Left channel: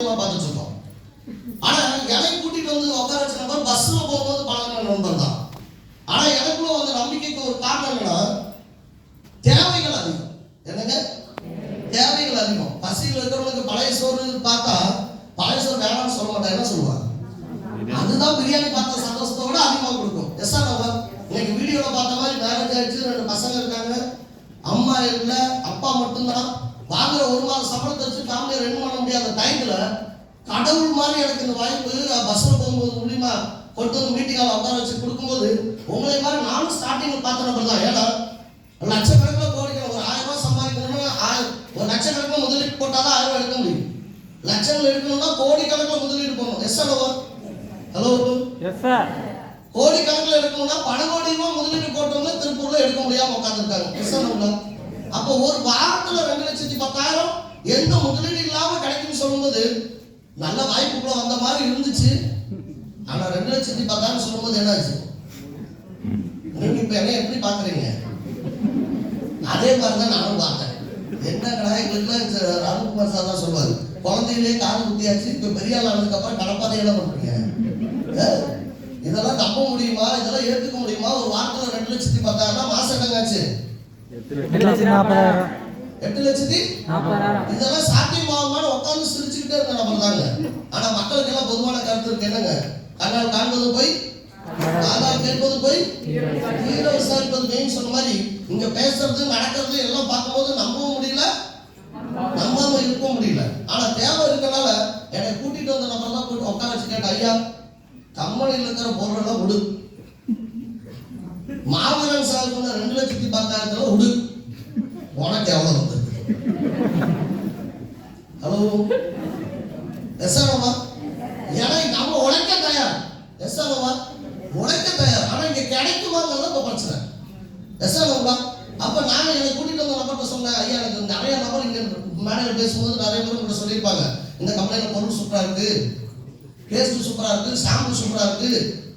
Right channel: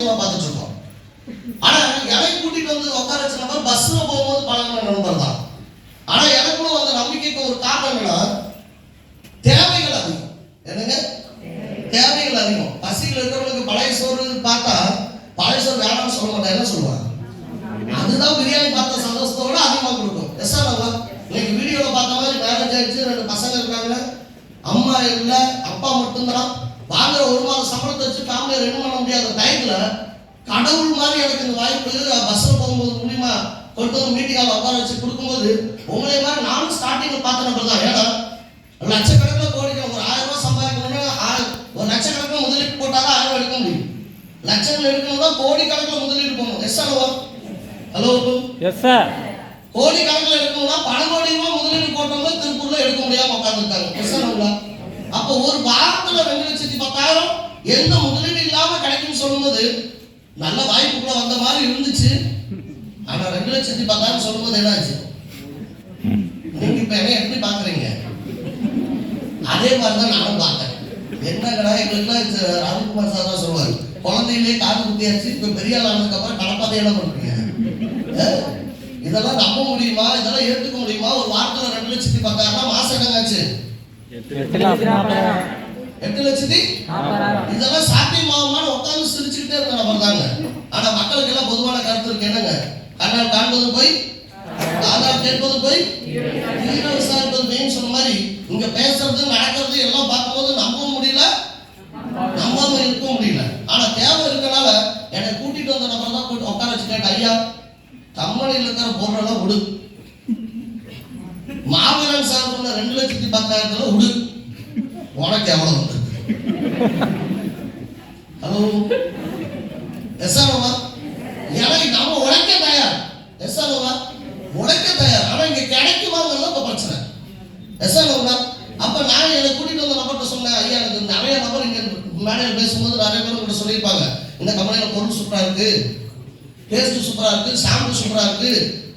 பார்த்துட்டு இருக்கோம். ஆனா எனக்கு கூட்டிட்டு வந்து உட்கார வச்ச நபர் பஸ்ல போகும்போது பழகின நண்பர் தான். ஆனா எனக்குள்ள வந்த நம்பிக்கைக்கு ஒரு காரணம் என்னன்னா, தேவைகள் அதிகம். என்னங்க, தேவைகள் அதிகம். பசியில் இருக்கிறவங்களுக்கு பழைய சோறு பார்த்தா பழைய சோறு வேணாம்னு சொல்ல மாட்டா, என்ன சொல்லுவாங்க? அதுதான் பிரியாணி பார்த்த சந்தோஷத்தோட அதிகமாக கொடுக்கும். எஸ்ஆ நல்லா இன்னைக்கு வீடியோல பார்த்த மாதிரி மேரேஜ் ஆயிடுச்சு, 2 பசங்க இருக்காங்க, அம்மா இல்ல, அப்பா மட்டும்தான். வாங்குற 1 மாத சம்பளத்தை வச்சு ஃபேமிலியை ரன் பண்ண முடியாத டைம்ல கடவுள் மாதிரி எனக்கு இந்த வாய்ப்பு பஸ்ல போகும்போது மூலியமா கொண்டு வந்து மீட்டிங் ஹால் உட்கார வச்சு கொடுக்கும்போது உங்களை மாதிரி நானும் ஸ்டார்டிங்ல பார்த்த நபர் தான். ஏன்னா லட்சக்கணக்கில் கோடிக்கணும், ஒரு 1000 ரூபாய் சம்பாதிக்கணும்னா ஒரு லட்சக்கணக்கில் முதலீடு போட்டாதான் 1000 ரூபாய் எடுக்க முடியும். லட்சங்கள் எடுக்கணும்னா கோடிக்கணக்கில் முதலீடு போகணும். Yes sir, hello yes sir. கோடிக்கணக்கில் எடுக்கணும்னா பல கோடி ரூபாய் முதலீடு போட்டோம்னா திருப்பூர்ல எடுக்க முடியாம உட்காந்துருக்காங்க. எஸ் சார், அப்போ ஒரு வாரத்துல 2,10,000 எந்த முதலீடு இல்லாம கிடைக்கும்னு சொல்லும்போது நல்ல வாய்ப்புக்குள்ள வந்த மாதிரி இருந்துச்சு. ஆனா 2,10,000 சொல்லும்போது என்ன ஆச்சு? நீங்க இப்ப என்ன எப்படி பாக்குறீங்க? அதே மாதிரிதான் நானும் பார்த்தேன். என்னங்கடா எங்களுக்குலாம் அருள்குமார் சார் தான் சொல்லுவாரு, குழந்தையிலே காது குத்தியாச்சு, இப்ப பெரிய ஆள் ஆனதுக்கு அப்புறம் கடப்பாதை என்ன பண்றீங்க? இதெல்லாம் நம்ப முடியுமா? இதெல்லாம் ஏற்றுக்க முடியுமா? ஒரு வாரத்துல 2,10,000 மாசம் என்னங்காச்சு? 8,40,000. இதெல்லாம் சாத்தியமாகுமான்னு உட்கார்ந்து சிரிச்சுக்கிட்டே இருந்த நபர் தாங்க. ஆனா மக்களுக்கு எல்லாம் பொதுவான கருத்து இருக்கு. என்னங்க, கண்ணால் காண்பது போய் காதால் கேட்பது போய் தீர விசாரிப்பது மெயின் சொன்ன மாதிரி இங்க பேசுறது நடக்கிறது எல்லாம் பார்க்கும்போது நம்பவும் முடியல, நம்பாம இருக்க முடியல. ஆனா தேவை இருக்கனால என்னை கூட்டிட்டு வந்த நபர் தான் கூட்டு உட்கார வச்சு கேட்ட, ஐயா கம்பெனியில் இருக்கிற பொருளெல்லாம் விடு, மாவீரன் சார் சொன்ன 2,10,000 விடு, உனக்கு எவ்வளவு வந்து? ஹலோ எஸ்ஆர்ஓவா, எனக்கு நம்ம உழைக்க தயார். எஸ்ஆர்ஓவா உழைக்க தயார். ஆனா இங்க கிடைக்குமாங்கிறது இப்ப பிரச்சனை. எஸ்ஆர்ஓவா அப்ப நான் என்னை கூட்டிட்டு வந்த நபர்கிட்ட சொன்னேன், ஐயா எனக்கு நிறைய நபர் இங்க மேடையில் பேசும்போது நிறைய பேர் கூட சொல்லியிருப்பாங்க, இந்த கம்பெனியில பொருள் சூப்பரா இருக்கு, டேஸ்ட் சூப்பரா இருக்கு, சாம்பிள் சூப்பரா இருக்கு,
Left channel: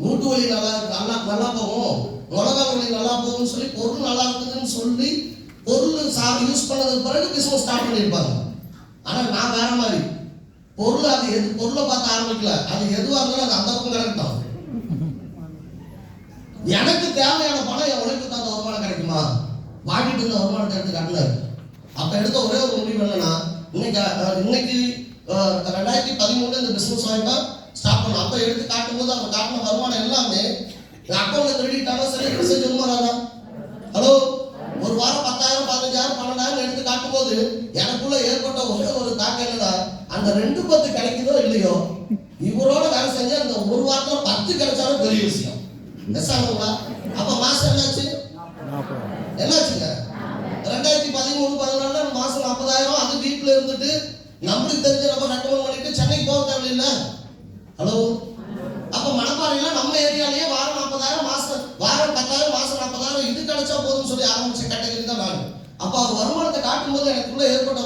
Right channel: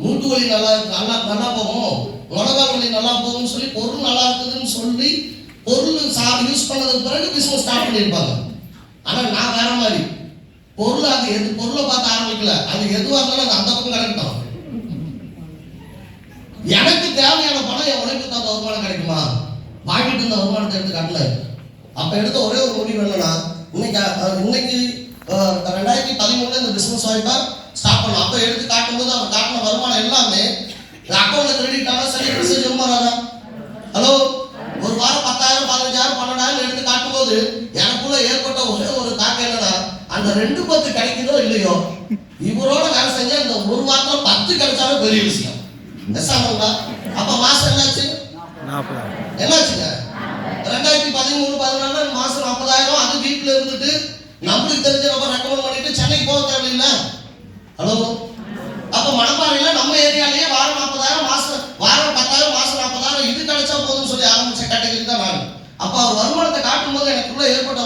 மூட்டு வலி நல்லா நல்லா போகும், உலக வலி நல்லா போகும்னு சொல்லி பொருள் நல்லா இருக்குதுன்னு சொல்லி பொருள் யூஸ் பண்ணதுக்கு பிறகு பிசினஸ் ஸ்டார்ட் பண்ணியிருப்பாங்க. ஆனா நான் வேற மாதிரி பொருள், அது எது பொருளை பார்த்து ஆரம்பிக்கல, அது எதுவாக இருந்தாலும் அது அந்த பக்கம் கிடைக்கும். எனக்கு தேவையான பணம் என் உழைப்புக்கு அந்த வருமானம் கிடைக்குமா? வாங்கிட்டு இருந்த வருமானத்தை எடுத்து காட்டல. அப்ப எடுத்த ஒரே ஒரு முடிவு என்னன்னா, இன்னைக்கு 2013 இந்த பிசினஸ் வாய்ப்பா ஸ்டார்ட் பண்ணோம். அப்ப எடுத்து காட்டும்போது அவங்க காட்டின வருமானம் எல்லாமே அக்கௌண்ட்ல கிரெடிட் ஆனா சரி மெசேஜ் வருமானா. ஹலோ ஒரு வாரம் 10,000 15,000 12,000 எடுத்து காட்டும்போது எனக்குள்ள ஏற்பட்ட ஒரே ஒரு தாக்கம் என்னன்னா, அந்த 2,10 கிடைக்குதோ இல்லையோ இவரோட வேலை செஞ்ச இந்த ஒரு வாரத்துல 10 கிடைச்சாலும் பெரிய விஷயம். எஸ்ஆங்களா அப்ப மாசம் என்னாச்சு? என்னாச்சுங்க? 2013-14 மாசம் 40,000. அது வீட்டுல இருந்துட்டு நம்மளுக்கு தெரிஞ்ச நம்ம ரெக்கமெண்ட் பண்ணிட்டு சென்னைக்கு போக தேவையில்லை. ஹலோ அப்ப மணப்பாறையில நம்ம ஏரியாலேயே வாரம் 40,000 மாசம், வாரம் 10,000 மாசம் 40,000 இது கிடைச்சா போதும்னு சொல்லி ஆரம்பிச்ச கேட்டகரி தான் நான். அப்ப அவர் வருமானத்தை காட்டும் போது எனக்குள்ள ஏற்பட்ட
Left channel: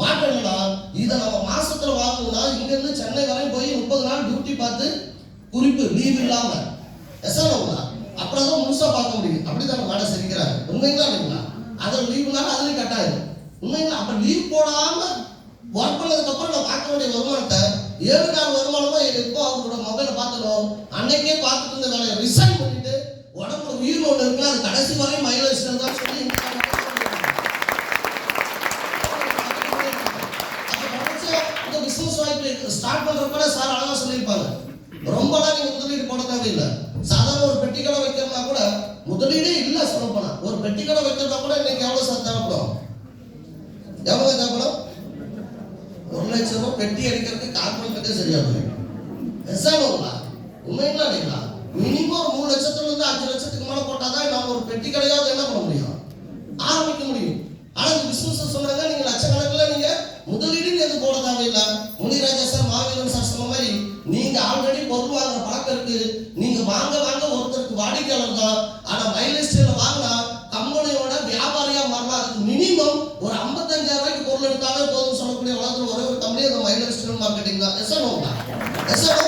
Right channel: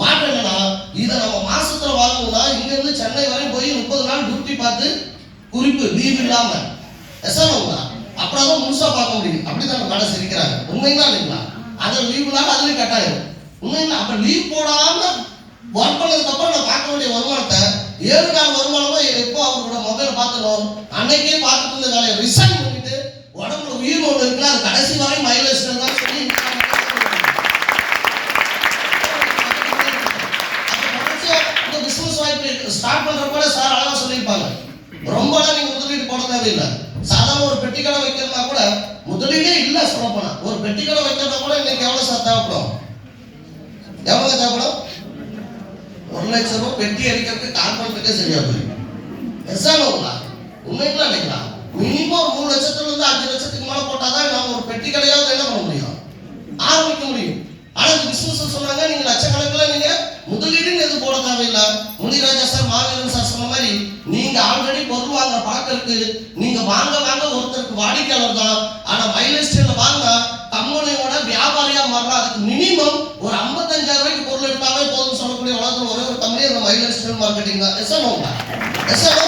மாற்றம் என்னன்னா, இதை நம்ம மாசத்துல வாங்கணும்னா இங்க இருந்து சென்னை வரை போய் 30 நாள் டியூட்டி பார்த்து குறிப்பு லீவ் இல்லாம எஸ்ஆர்ஓங்களா அப்புறம் தான் முழுசா பார்க்க முடியும். அப்படிதான் மேடம் சிரிக்கிறாங்க. உண்மைங்களா இல்லைங்களா? அதில் லீவ் இல்லாம அதுலயும் கட்டாயம் உண்மைங்களா? அப்ப லீவ் போடாம ஒர்க் பண்ணதுக்கு அப்புறம் நான் பார்க்க வேண்டிய வருமானத்தை 7 நாள் வருமானமா எப்போ அவரோட மொபைல பார்த்தோம் அன்னைக்கே பார்த்துட்டு இருந்த வேலையை ரிசைன் பண்ணிட்டு உடம்புல உயிர் ஒன்று இருக்குல்ல, அது கடைசி வரை மைலேஜ் தான் சொல்லி இந்த பிசினஸ் வாய்ப்பு ஸ்டார்ட் பண்றப்ப சார் அழகா சொல்லியிருப்பாங்க, ரொம்பலாம் நீங்க முதலீடு போட தேவையில்லை. சாதாரண ஒரு பெட்டி கடை வைக்கிறதா கூட முதலீடே இல்லை. சொல்ல போனா ஒரு பெட்டி கடை வைக்கிறதா கூட இன்னைக்கு எவ்வளவு சார் தேவைப்படும்? எவ்வளவு தேவைப்படும்? 1 லட்சம் ரூபாய் பெட்டி அடிக்கிறதுக்கு கார்பெண்டருக்கே சரியா போயிடும். எஸ்ஆர்ஓங்களா உண்மைங்களா இல்லைங்களா? மினிமம் 3 லட்சத்துல இருந்து 5 லட்சத்துக்கு மேல போட்டாதான் நம்ம ஒரு பெட்டி கடையாவது என்ன பண்ண முடியும், ஆரம்பிக்க முடியும். ஆனா இந்த பிசினஸ் சொன்னாங்க, நீங்க லட்சக்கணக்கில் நீங்க முதலீடுன்னு எதுவும் போட தேவையில்லை. முனிராஜா சார், மாவீரன் சார் சொன்ன மாதிரி நீங்க ஆல்ரெடி பொருள் வாங்குற பழக்கம் இருக்கு, நீங்க வாங்க ஒருத்தருக்கு வாடிக்கையாளர் தான். ஆனா மைலேஜ் ஸ்டைல வாங்கினா கம்பெனியோட வியாபாரியா மாறலாம். அதுக்கு மினிமம் ஒரு 55,000 ரூபாய்க்கு பொருள் எடுத்தாவே போதும்னு சொல்லக்கூடிய உலகத்தில் ஒரே ஒரு கம்பெனி அந்த மைலேஜ் ஸ்டைல் மார்க்கெட்டிங் தான். எஸ்ஆர்ஓ